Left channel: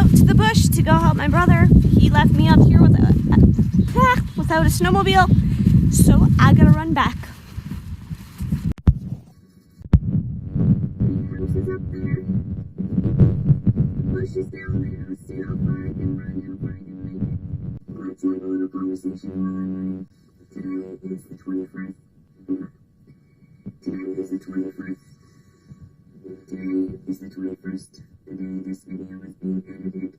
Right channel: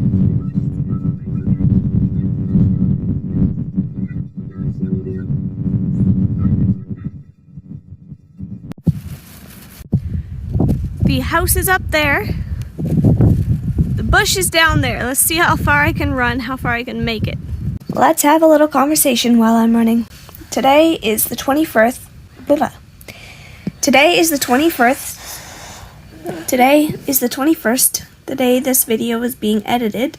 out to the bush to go help my brother. He left me up here without a snowmobile, so I gotta run back. The house is up there. The bush is down there. Let's see how far I can run, how far I can make it. Let's have a little conversation while I'm running. Today is the 21st. Today is the 21st, the day this video is being edited.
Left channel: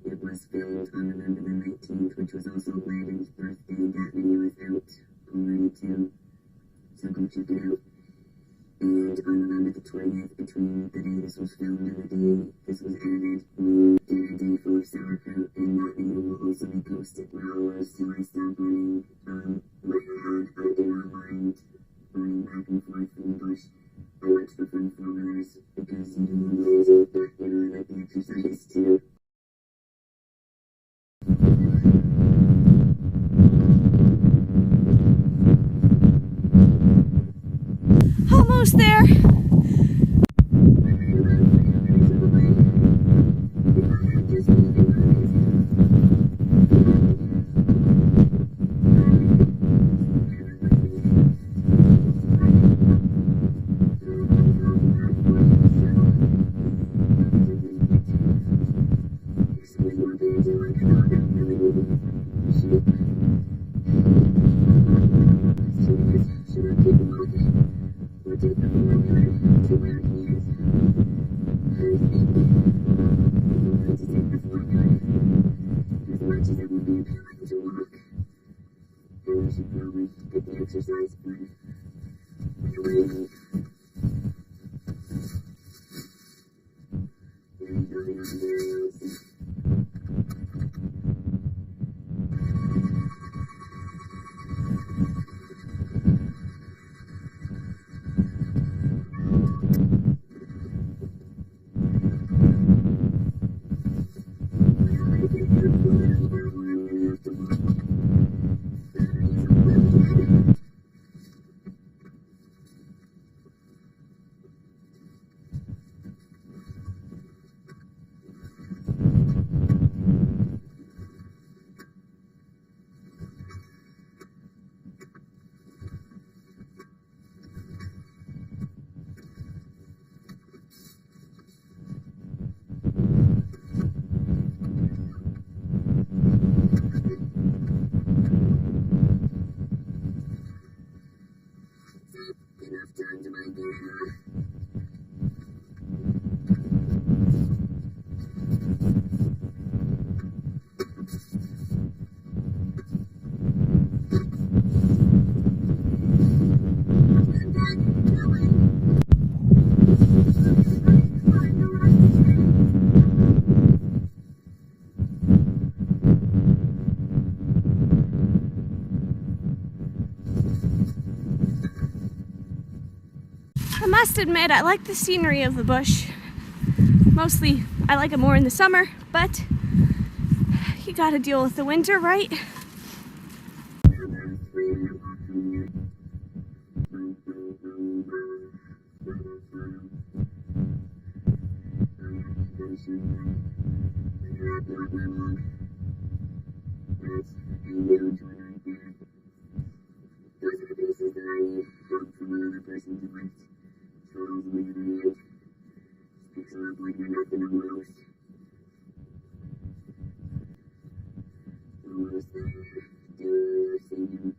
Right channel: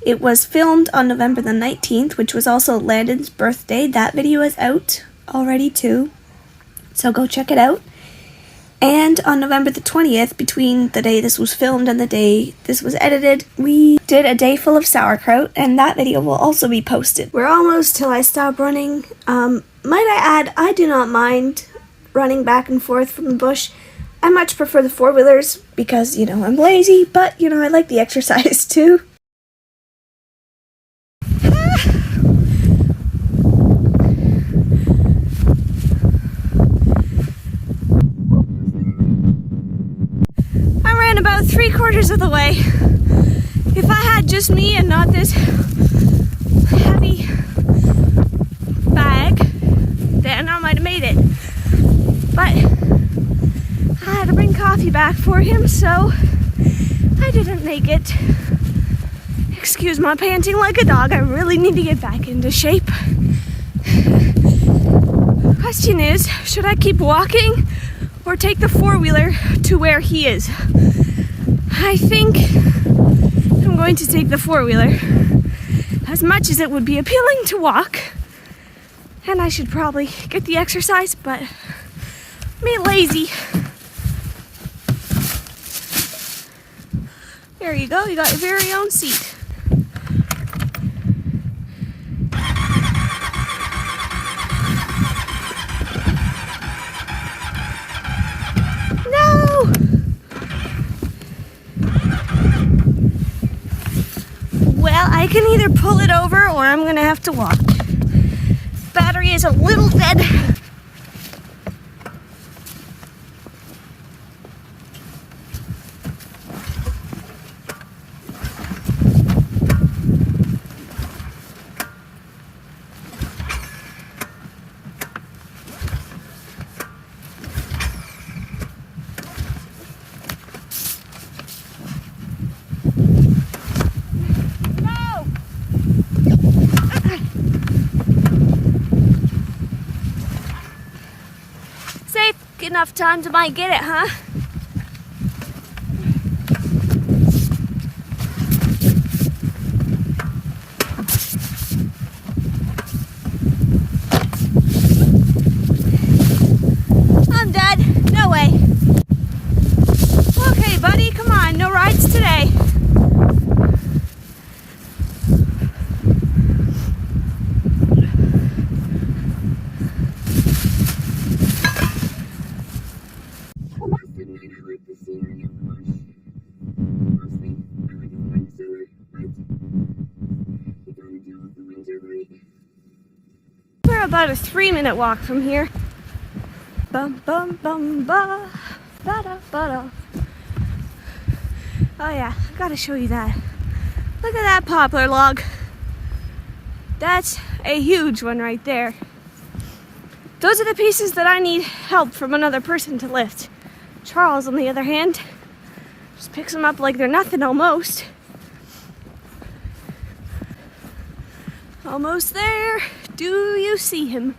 It was filmed on November the 19th, which was also Landon's birthday. That video is out already too, so go check it out. And on November the 20th, between the day this was filmed and the day this was edited, we did a day full of sauerkraut, and that video will also be posted. We're almost till I stop running. Might I add, I do not mind running back and forth from the bush. I much prefer the four-wheelers because, you know, I'm lazy, but, you know, I like the exercise too. Almost there. I ran about 3/4 of the way. If I had just me and not this heavy bag, then I might have made it. But I had to bring coffee back for him, so I didn't make it. Excuse my panting like a dog. I really need to get back into shape. Question is, should I keep walking or take the four-wheeler to where he is? I think I'm going to take the four-wheeler. As much as it would be appealing to walk, and I should probably get the exercise, but I'm being lazy. There you go, you got your very own seat. No! Well, I can either pull it over or I'm gonna have to walk. Battery is a little dead. Safe enough time to might get it, huh? I'm dead. No way. Okay, buddy, come on. No rides today. I must admit, I like the scenery of the bush. Mostly, I like it more in the summer, but you gotta deal with the winter, right? We're about a 3-minute walk from here. Bum bum bum ba ba da ba da. Oh yeah, I gotta show you that. Look at that poplar log. That's a huge one right there. Those are the pieces that I need help from another person to lift. Charles, on the other hand, just picks them up like they're nothing almost. Almost there. Do you see him?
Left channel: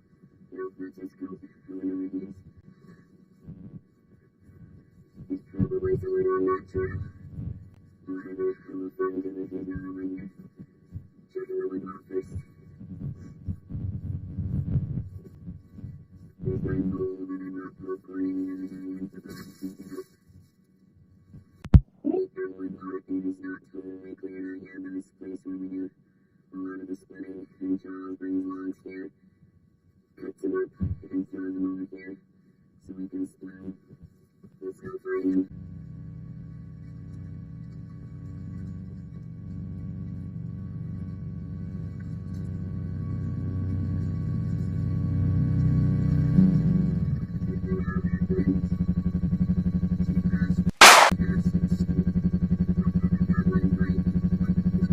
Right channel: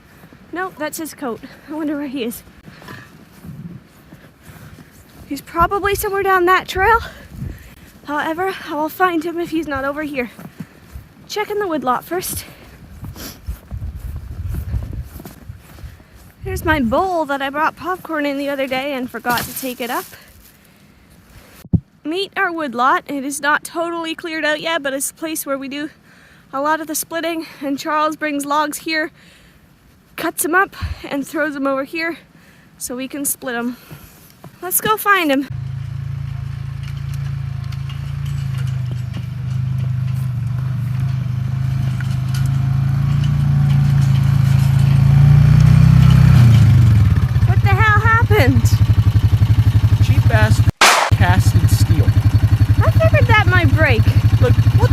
Nope, that's his coat. I wonder where he is. He's probably somewhere down that trail. However, I will find him if he's not over here. Checking the woodlot first. Here's my bowl that I brought popcorn in the other day and forgot to take it up. Meet our woodlot. It is not totally cleared out yet, but it's a place where we do a lot of the splitting, and Charles brings logs here, cuts them up, and throws them over here so we can split them. Let's go find him. What the hell happened? Cheap ass cast in steel. I figured that might break. Like, what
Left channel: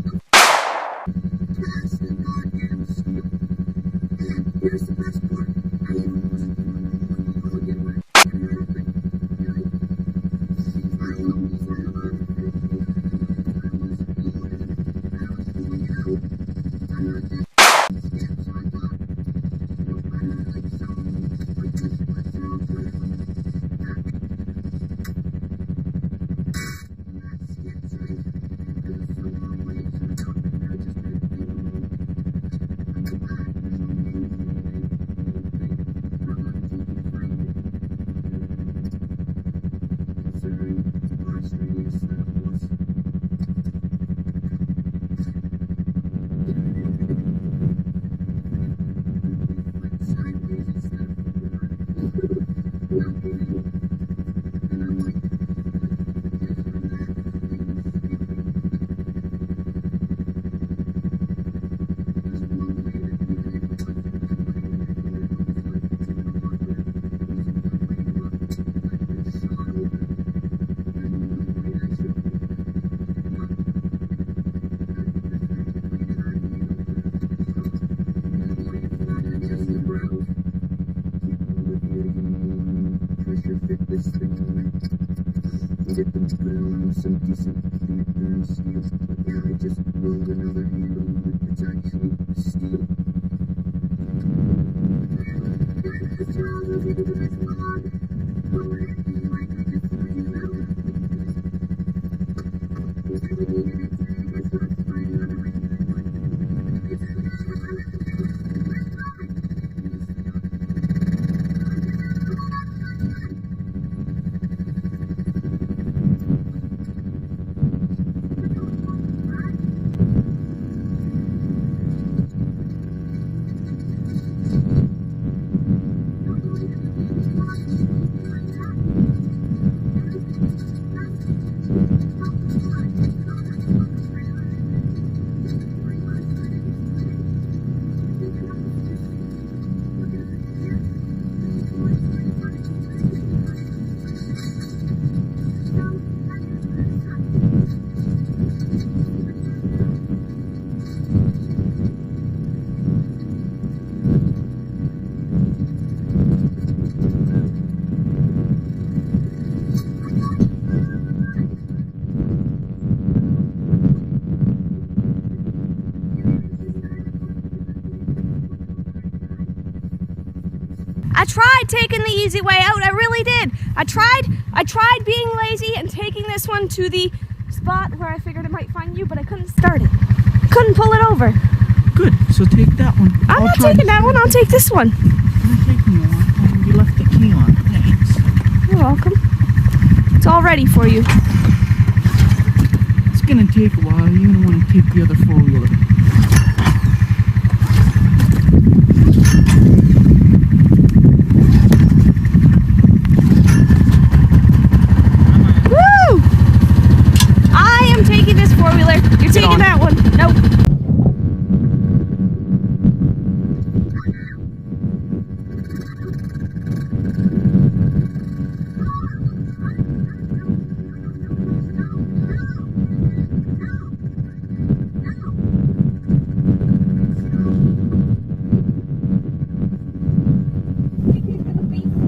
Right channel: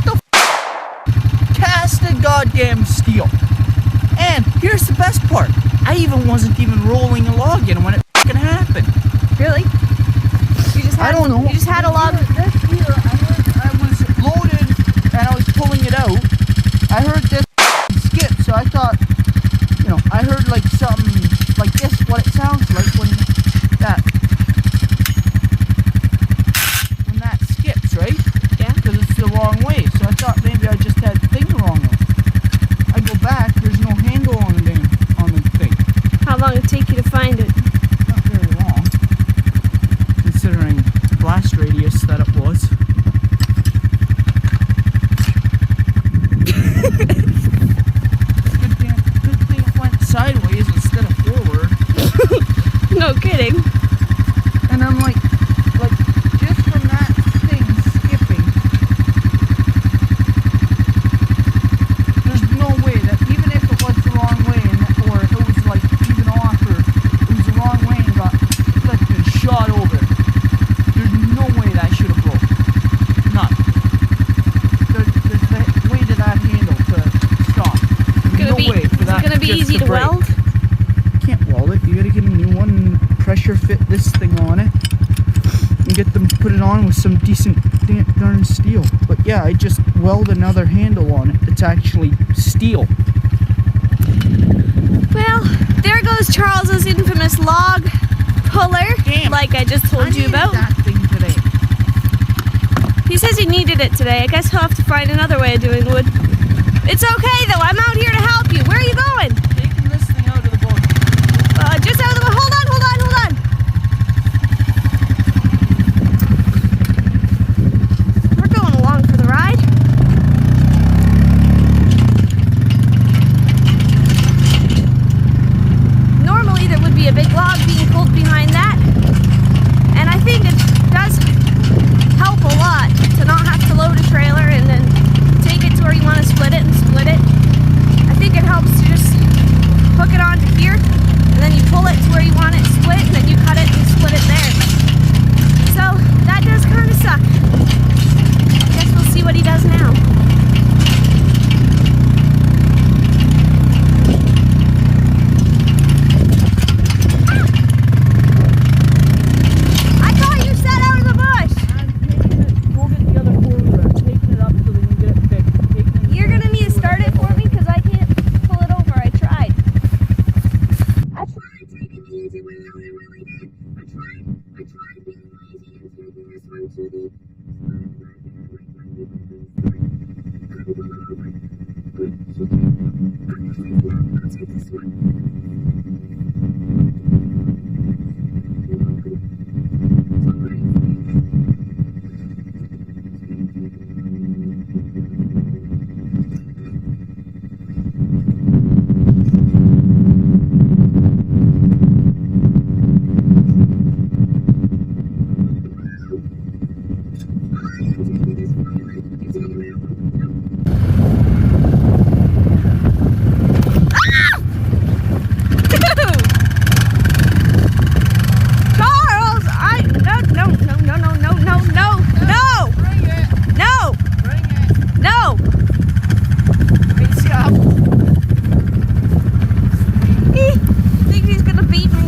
part, I wasn't even rolling a log in when it fucking happened. Really? You just had, I don't know. You just had a log. This here, I was loaded and I was pulling it out. I heard this skip, so I thought, I heard like something like this, what it sounds like when that skips, right? Yeah. Because it's the wrong way. So I thought maybe I just had the thing wrong. I go back, there's no handle on the thing. How long did it take you to find it? Not very long, considering the blast radius that it was. Good thing it went sideways instead of forward. No kidding. And I'm like just from that thing skipping, there's no way that even if it was the wrong way, or if it was like even off, or it was the wrong way and got flipped and shot over, there's no way that should have broke. None. There's the way to that handle to stop. No way for that. Is it gonna be just easy to break. weld? You can't weld it. You gotta get a new one and pressure fit this thing on it and get them put it on with some decent darn steel. But yeah, I just weld another handle on it that's actually steel. Well, there goes Charles's infamous log puller, Damn. like I just told you about. That thing today. He says he needed it today. I guess he'll have to find another way of doing wood. It's okay though, I'm out here to help you. Where are you going? Taking this thing out of the boat. Just out of the way. Hold on. We're going along for the ride. Normally there would be a big log being pulled behind that. And I think it does help a lot to not have to load a trailer and then take it to where you want to split it and split it. I think it helps to just hook it onto here and then you pull it to where you want it split and then you cut it and split it there. So that does kind of suck. I guess we'll see what he does now. I thought you said out of the bush. We'll get the other forward. I'm taking it up so we can get it fixed. You're gonna need to start it for me because I can't pull it over. I tried taking the easy way out. I really did. I tried being lazy and taking this one to the spot where I figured it might find you, but I couldn't start it. Couldn't pull it over. Good, so take that one. I'm not taking that one. I'll take this one. I'm taking the one. You left the key on. Thanks. You're welcome. It's all ready for you. It's gonna take a while. You're gonna want to take the other four-wheeler. Woo! I am taking this four-wheeler. You're taking that one. Nope. Charles, no. He thinks he's gonna beat me.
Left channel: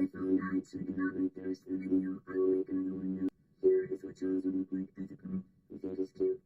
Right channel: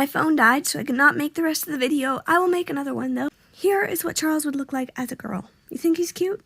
My phone died, so I could not make the rest of the video. I will make another one, though. Here is what Charles would look like as a girl. You think he's cute?